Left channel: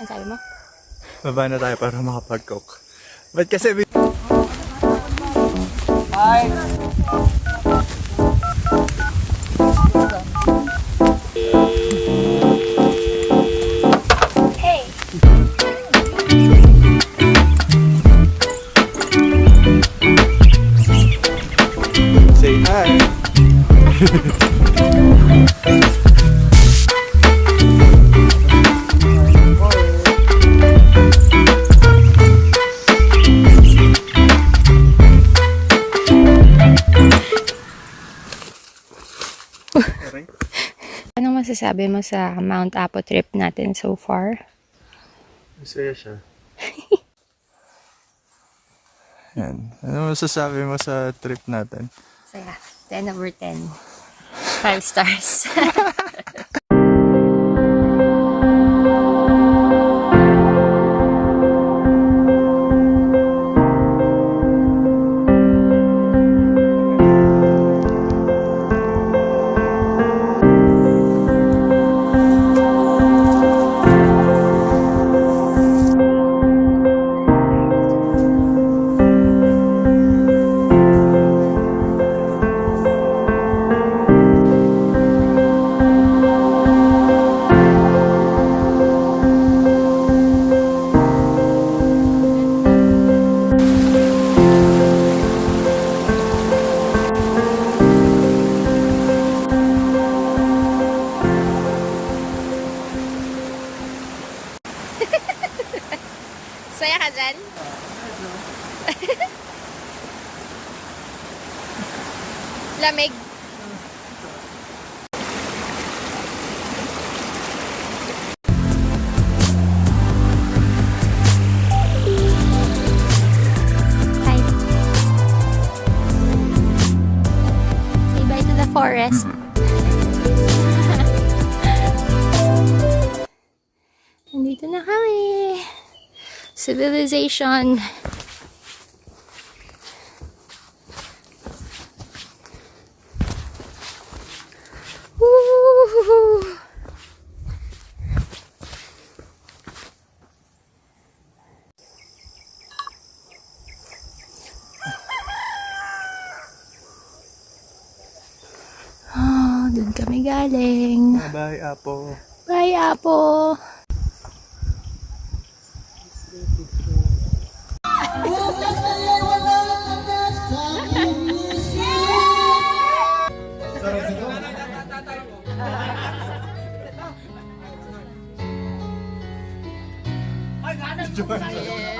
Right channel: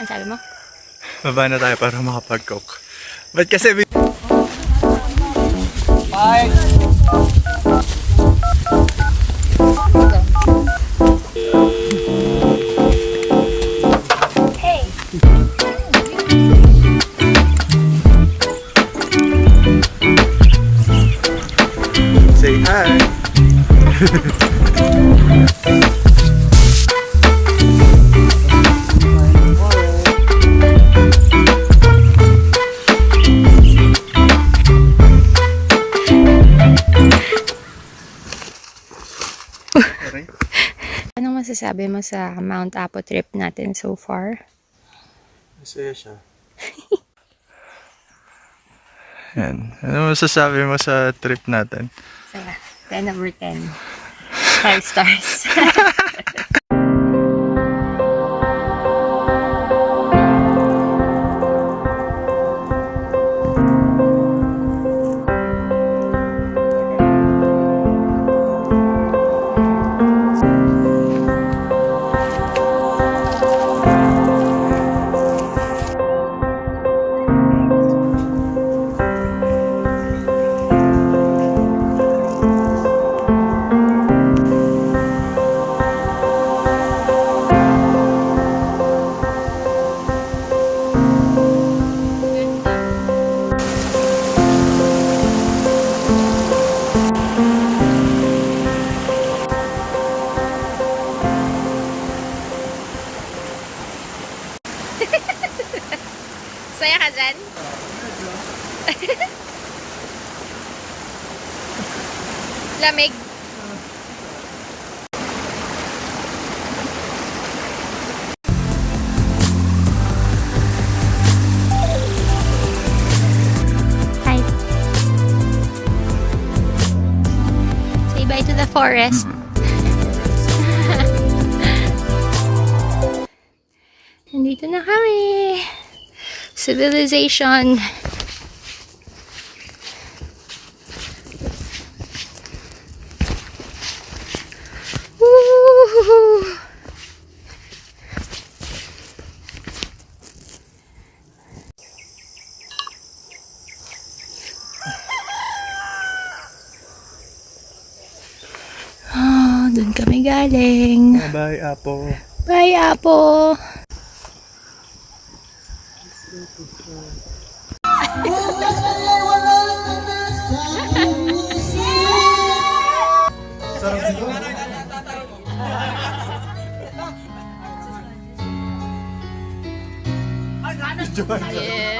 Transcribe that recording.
Ang sabi mo? Baba na tayo para makapag-coke. Ba't kasi... Hi! Hey! Say hi! Anong masasabi mo sa Mount Apo trip natin so far? Masaya siya. Yan. Ano masasabi mo sa trip natin? Saya. 10 over 10. 5 stars. Saya ka dyan? Lamig. Hi. Say bye to the forest. Nandito na kami. Civilization. Woo! Oh, dun kami galing. Bye, Apo. Bye, Apo. Yeah.